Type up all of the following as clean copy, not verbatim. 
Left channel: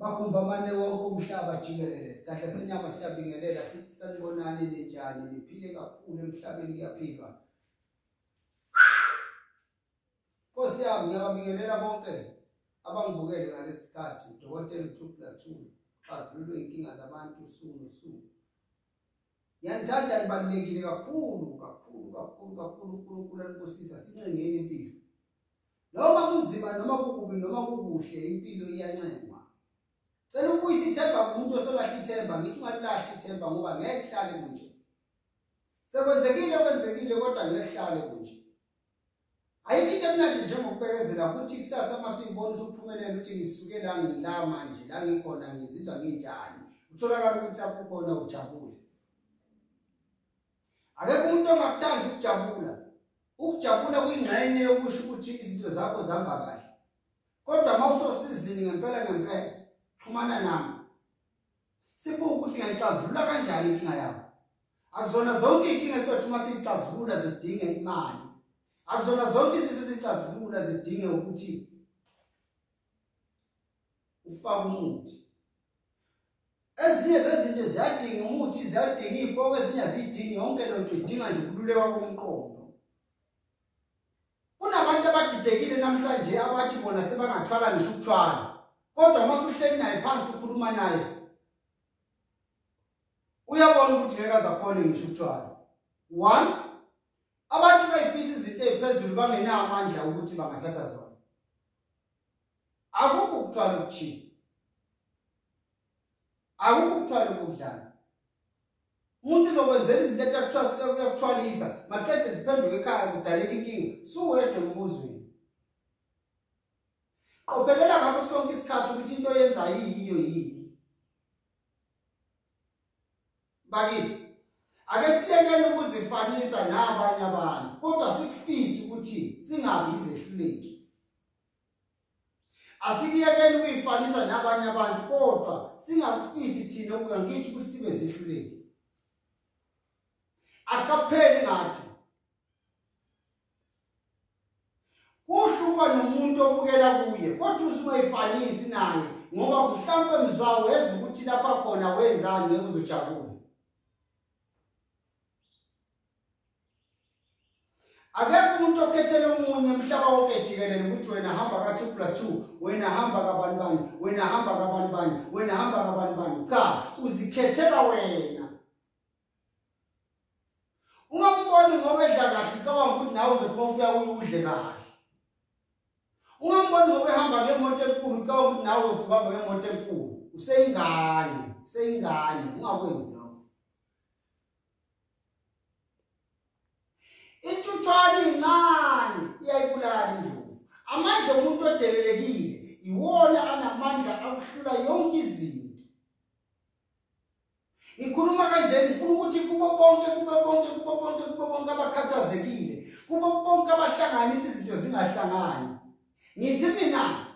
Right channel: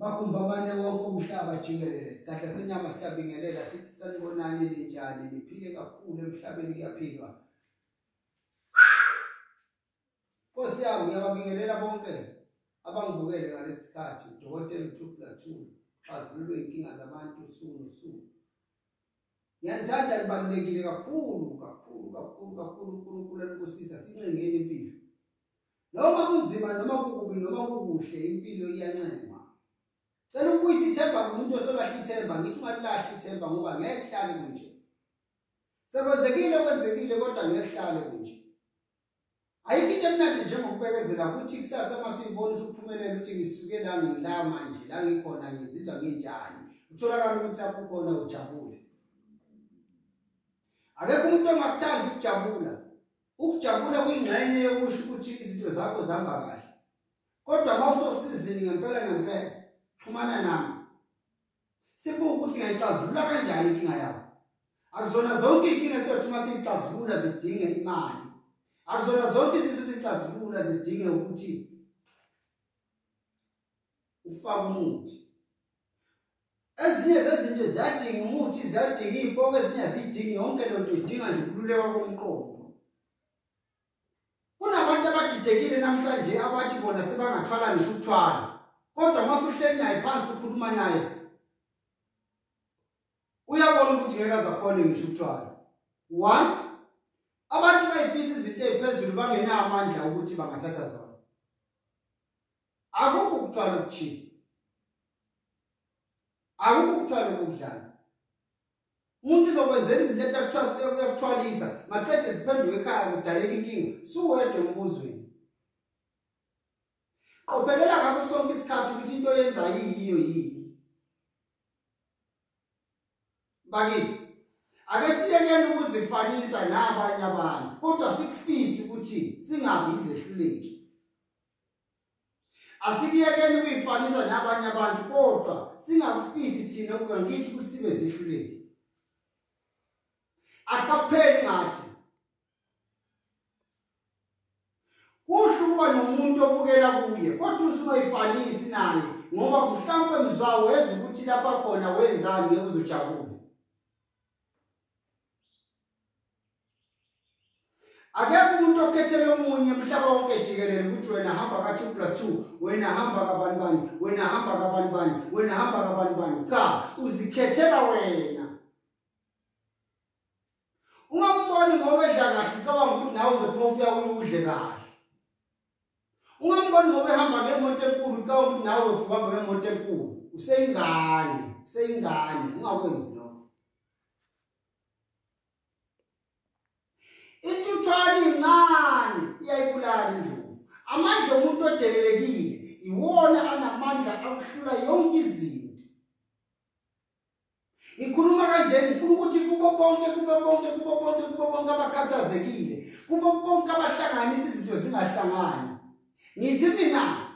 Bakumbamane wonke umhlaba jikelele sihlahla senyama siyabingelela sithi sanibonani ninjani niphile kakhulu emhlabeni kuyaphilwa. Nkosi yami ngiyabingelela bonke abangibukele ngalesi sikhathi udokotela 2+2 xazululwe inkinga zabantu usuku nosuku. Ngiyathanda libalulekile kakhulu uNkulunkulu alikosisa sincengeni impilo. Noma kunzima noma kukubi noma kukuhle impilo iyancengwa. Cela ukubuyisa ithemba kumuntu osolahla ithemba ngithi ungalilahli ithemba ngoba ngeke kuhlale kunje. Sekwenzekile kodwa ngeke kuhlale kunje. Ayikho into emnandi njengokubekezela ukuthi kusasa masiyibona usuphumelela ukuthi ngisuke la ngila manje la ngikhona ngizizwa nginjani. Utholakala ukuthi lapho khona ujabule. Akekho umuntu ongakuthandi ukujabula. Ukujabula kuyingxenye yokusho ukuthi izinto zakho zihamba kahle. Kodwa mawusosizini ngempela xhumana nami. Sibuka ukuthi ngiyixazulula kanjani inkinga yakho. Akuzona zonke inkinga esothi masiyixazulula zidinge imali. Akuzona zonke izinto ezixazulula zidinge ukuthi ufake umuthi. Ezinye zezinto ziyadinga umuthi, ziyadinga izipoko, ezinye azidingi yonke lonto idinga nje ukululeka komqondo. Kunabantu abadidekile namhlanje abathi bona sebangathwala ngisho ukuthwala. Kodwa masuhleli naye phansi ukhuluma naye uyabona ukuthi ngeke azakhona ngisho ukuthwala. 1 Abantu bayifisa izinto eziphezulu bangenayo amandla ukuthi bangathatha zona. Akukho ukuthwala okuthini. Akukho ukuthwala okudlala. Umuntu uzokwenzela izinto ekuthiwa sekuyakuthwalisa, maqede ziphenduke ekhaya kudaleka inkinga, suwedwa embuzweni. Qophelela ngaso sonke isikhathi ukuthi into oyenzayo yiyo yini. Bakithi ake siyekele ukuzifanisa nabanye abantu kodwa sikufisi ukuthi singabi izehluleki. Asikiyekele ukuyifanisa nabanye abantu kodwa singakufisi thina ukungithi ukuthi sibe zehluleki. Akapheli ngathi kuhluba nomuntu obukela kuye kodwa usumayifanisi naye ngoba mhlawumbe mzwawo weza ukuthi lapha khona wenzani ngeke uzojabula. Akekho umuntu okhethela omunye umhlaba wonke jikelele ukuthi wena hamba ka2+2, wena hamba kabanibani, wena hamba kabanibani, wena hamba kabanibani. Cha, uzikhethela wena. Ungamboni ngoba edla kahle cabanga ukuthi nawe uzophuma ufika udle kahle. Ungamboni ngoba ehamba ngemoto enkulu cabanga ukuthi nawe uzofuka ngemoto enkulu. Useyingane, ungakwenzi lokho. Intuthwala incane iyayibulala indlovu. Amandla omuntu odelelekile iwona anamandla akuhlula yonke izinto. Ikhuluma kanje ngifuna ukuthi kubo bonke abakhathazekile, kubo bonke abahlanganisa izinto zingahlangani. Ngithi mina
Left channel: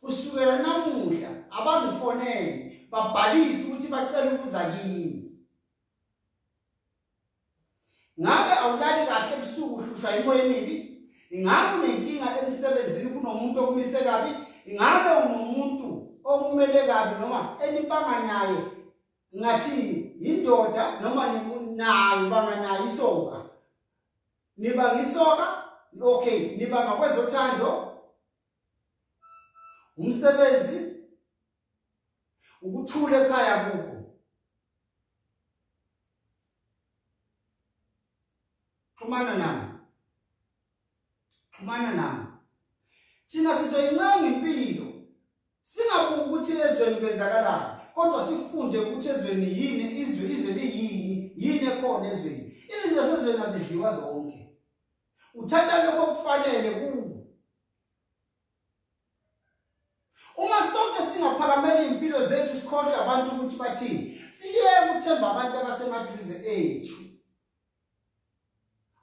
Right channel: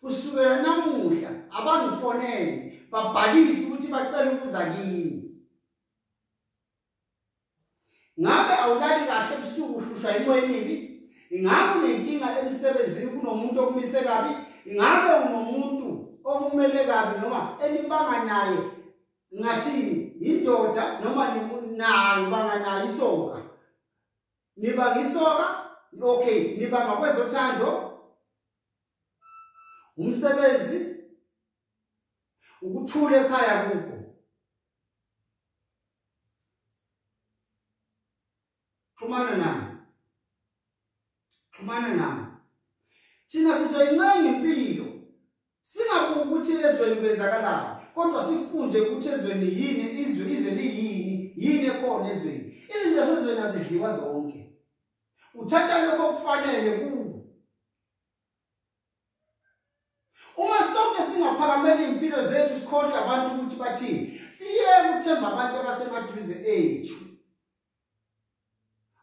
kusukela namuhla abangifonele babhalise ukuthi bacela ukuza kimi. Ngabe awulali kahle ebusuku uhlushwa imoya emibi? Ingabe unenkinga emsebenzini kunomuntu okumise kabi? Ingabe unomuntu okumele kabi noma enibanga naye ngathini indoda noma nayo banga nayo isoka? Nibanga isoka? Okay, nibanga kwezothando? Umsebenzi? Ukuthula ekhaya kuko? Xhumana nami. Thina sizoyincenga impilo. Singabuki ukuthi ezweni kwenzakalani, kodwa sifunde ukuthi ezweni yini, izwe liyini, yini ekhona ezweni. Izinto zezweni azidliwa zonke. Uthatha lokho okufanele kuwe. Uma sonke singaphakamela impilo zethu sikhohle abantu ukuthi bathini, siyeke ukuthemba abantu abasemaduze ethu.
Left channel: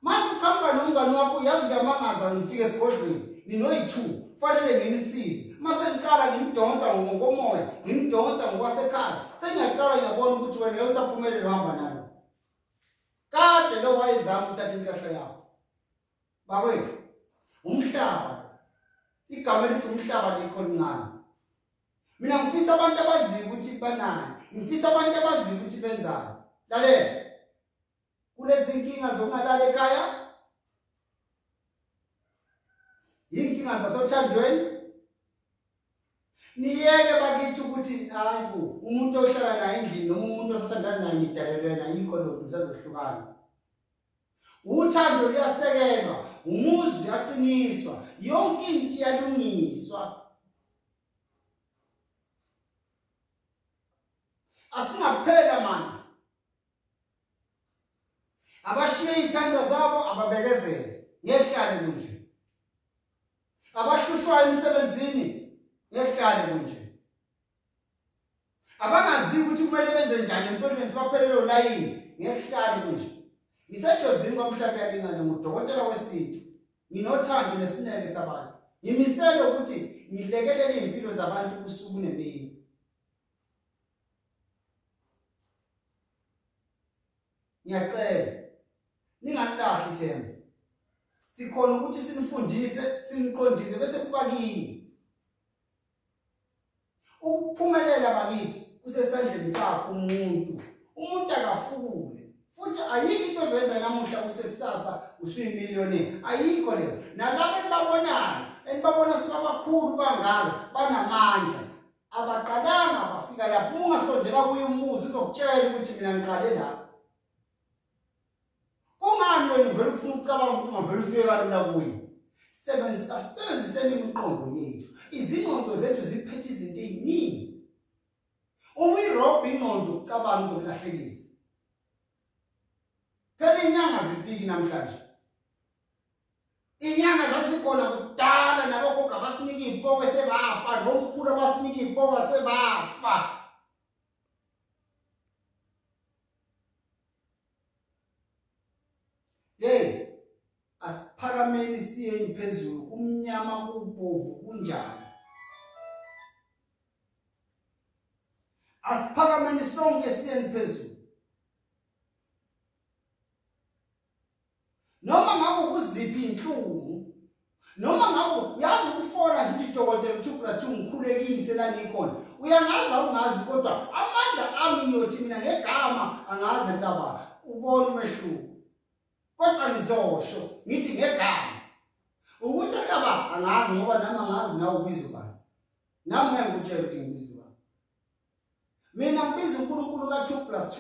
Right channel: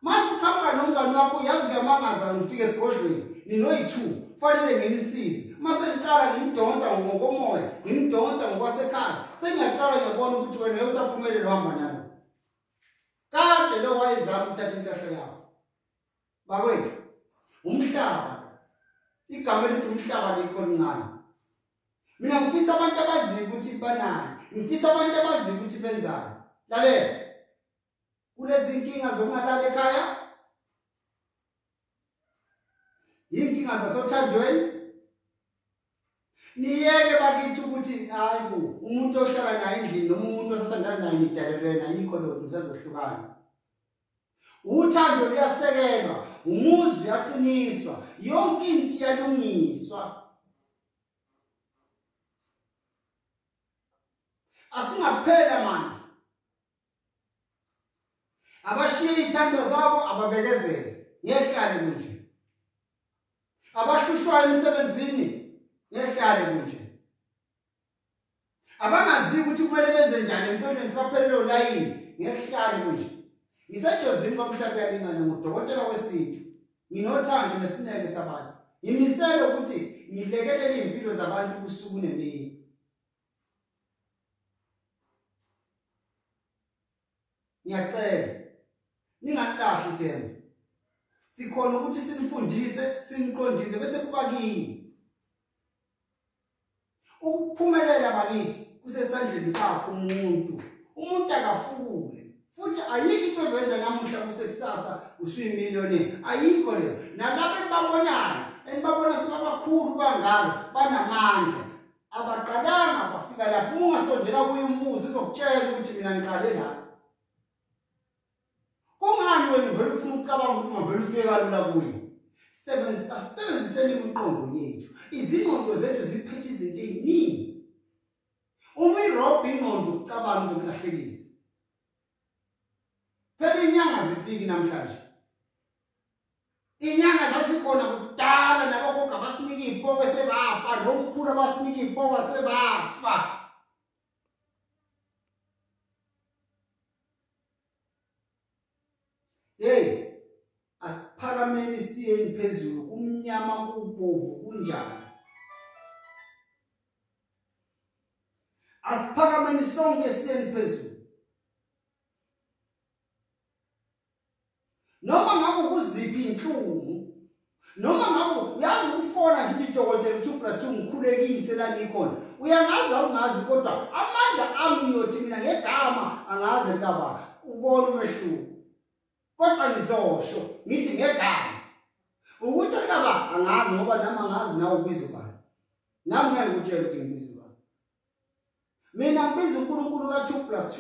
Mase ukhamba nomngane wakho yazi kuyamangaza ngifike esigodlweni ninoyi2 fanele nginisize. Mase ngiqala ngimdonsa ngokomoya, ngimdonsa ngokwasekhaya. Sengiyaqala ngiyabona ukuthi wena usaphumelele uhamba nalo. Kade lo wayizama uthatha inhlahla yakho. Bakwethu umhlaba igama elithi umhlaba likho lincane. Mina ngifisa abantu abaziyo ukuthi banani. Ngifisa abantu abaziyo ukuthi benzani. Lalela. Kulezi inkinga zokungalala ekhaya. Inkinga zasothandweni. Niyeke bakithi ukuthi hayibo umuntu ohlala naye endlini noma umuntu osathandana naye nidalelwe ayikho lokho nisazohlukana. Uthando luyasekelwa, umuzi uyaqiniswa, yonke into iyalungiswa. Asingaphela manje. Abashiye izithando zabo ababekezele, ngehlale kunje. Abahlushwayo emsebenzini, ngehlale kunje. Abangazi ukuthi kumele benze njani empilweni sibaphelelo layini, ngehlale kunje. Ngisejozini kwamhlaba yalingana ngudokotela wesintu. Nginothando nesineke sabantu. Ngimisele ukuthi ngilekelele impilo zabantu kusuku nemini. Ngiyacela ningalahli ithemba. Sikhona ukuthi sinifundise, siniqondise bese kuba kini. Ukuphumelela bakithi kusesandleni sakho umuntu. Umuntu akafule. Futhi ayikho into ozoyenza namuhla kusekusasa usuyimiliyoni. Ayikho leyo. Nalabo enibabona sebabakhulu bangaka banamandla. Abaqalanga bafika lapho ungasondela kuye umbuzo uzokutshela ukuthi mina ngiqale la. Kungani wena vele ufuna ukucabanga ukuthi ungavele ufike kalula kuye? Sebenziseni imiqondo yethu. Izingqondo zethu ziphethe izinto eziningi. Uma irobha ingqondo ukucabanga uzokulahlekisa. Phela inyanga zifiki namhlanje. Inyanga zazikhona kudala nabogogo abasinika izipoko sebafa, nomkhulu abasinika izipoko sebafa. Hey, asiphakameni siyeni phezulu, kumnyama kubomvu kunjani. Asiphakameni sonke siyeni phezulu. Noma ngabe kuziphi inhlungu, noma ngabe uyazi ukufona nje udokotela 2+2 ngikhulekise la ngikhona. Uyangazi awungazi kodwa amandla ami ngiyothi mina ngegama angaze ngaba ubona umehluko. Kodwa ngizosho ngithi ngegama ukuthi ngaba angazi ngoba nami angazi nawe ubizo bani. Nami ngeke ngikutshele ukuthi ngibizo bani. Mina ngibiza uNkulunkulu ka2+2.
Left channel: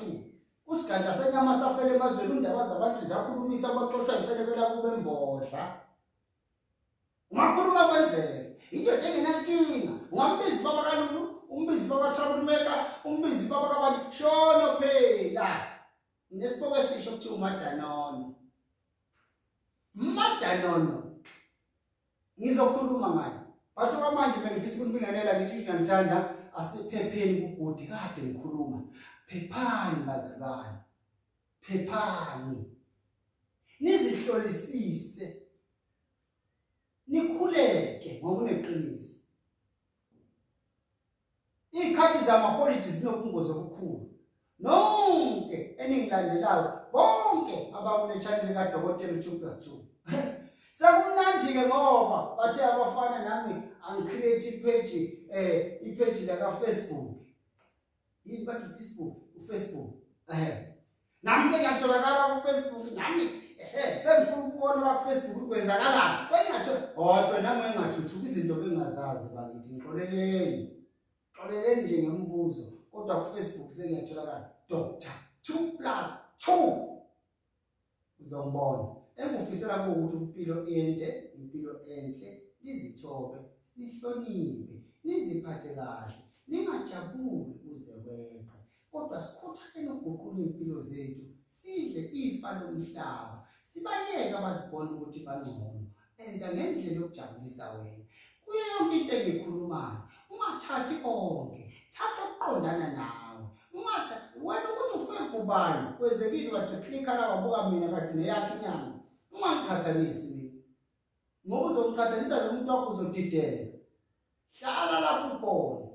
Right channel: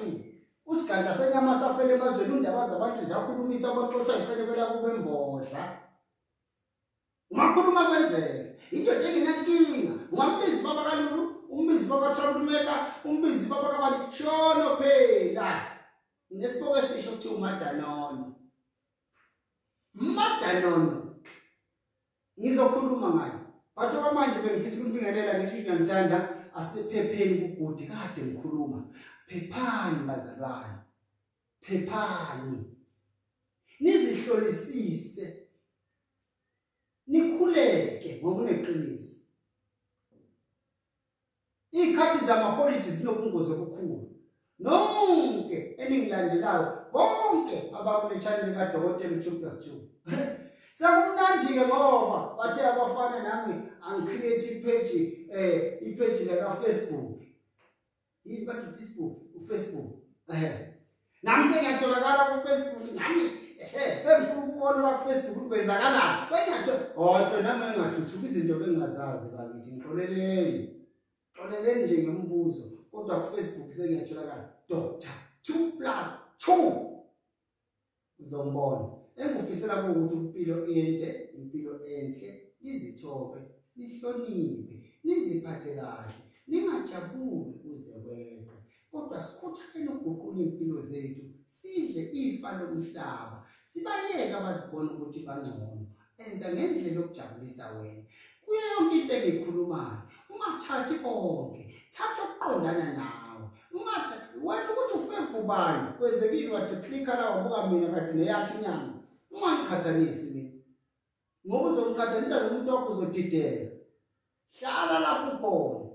Usiganja senyama safele emazweni undaba zabantu zakhulumisa abaqoshwa ifelekela kube embodla. Ungakhuluma kwenzeke. Into enginenkinga. Ungambizi baba kaLulu, umbizi baba kaShawulumeka, umbizi baba kaBani shono phela. Nesiboko esisho ukuthi umadanono. Madanono. Ngizokhuluma ngayo. Batho manje bengifisa ukubingelela ngisho ngiyamthanda asephepheni kubhodi kade ngikhuluma. Phephani bazalwane. Phephani. Nizihlolisise. Nikhuleke ngokuneqiniso. Ikhathi zamaholiday zinobungozi obukhulu. Nonke eningilandelayo bonke abakule channel kaDokotela 2+2. Sekumnandi ke ngoba bathe abafana nami angicreate ipage la kaFacebook. Yini bathi uFacebook. Nami sengiyatholakala kuFacebook nami sengifuna ukubona la kuFacebook ukwenzakalani. Sengiyathola nami engathuthuka izinto bengazazi bakithi ngixoleleni nje ngemibuzo kodwa kuFacebook sengiyatholakala Dr. 2+2 uzombona. Engufisela ukuthi impilo enhle nizithobe nihloniphe niziphathe kahle ningajabuli kuze weqe kodwa sikhuthaleni ukuguqula impilo zethu sidle ifa lomhlaba sibayeke abazibona ukuthi bangcono enza ngendlela yokujabulisa wena kuyo yonke into engikhulumayo ungathathi konke thatha okuqondana nawe ungathathi wena ukuthi ufefu ubani kwenzekile wathi klikha la wabuka mina kade neyakhe inyanga ungangiqhathanisi mina ngoba uzongiqhathanisa nomuntu wakho uzodidela hlala lapho khona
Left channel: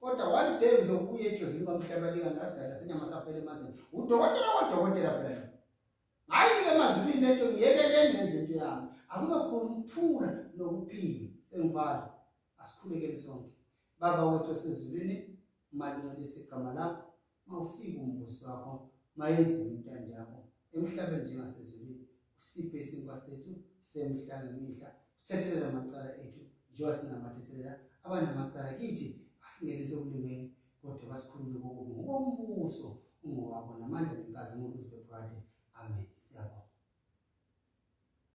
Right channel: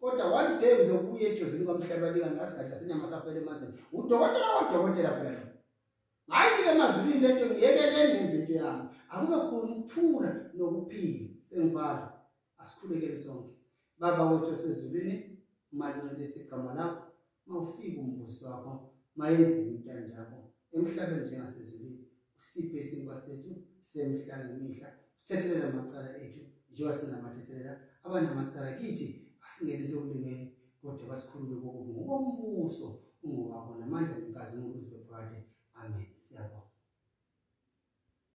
kodwa one day uzobuya ejozini kwamhlaba lingani ngasigada senyama safele emazweni udokotela phela hayi ke emazulwini lento ngiyekeleni ngenze into yami akube khona ukuthula nokuphila sengivala asikhulekele sonke Baba wethu osezulwini, maluncelisa igama lakho, mawufika umbuso wakho, mayenziwe intando yakho emhlabeni njengasezulwini. Usiphe isinkwa sethu semihla ngemihla, sithethelele amacala ethu njengoba sinamathethelela abanamacala kithi, asingenise ekulingeni, kodwa basikhulule kokubi ngokombuso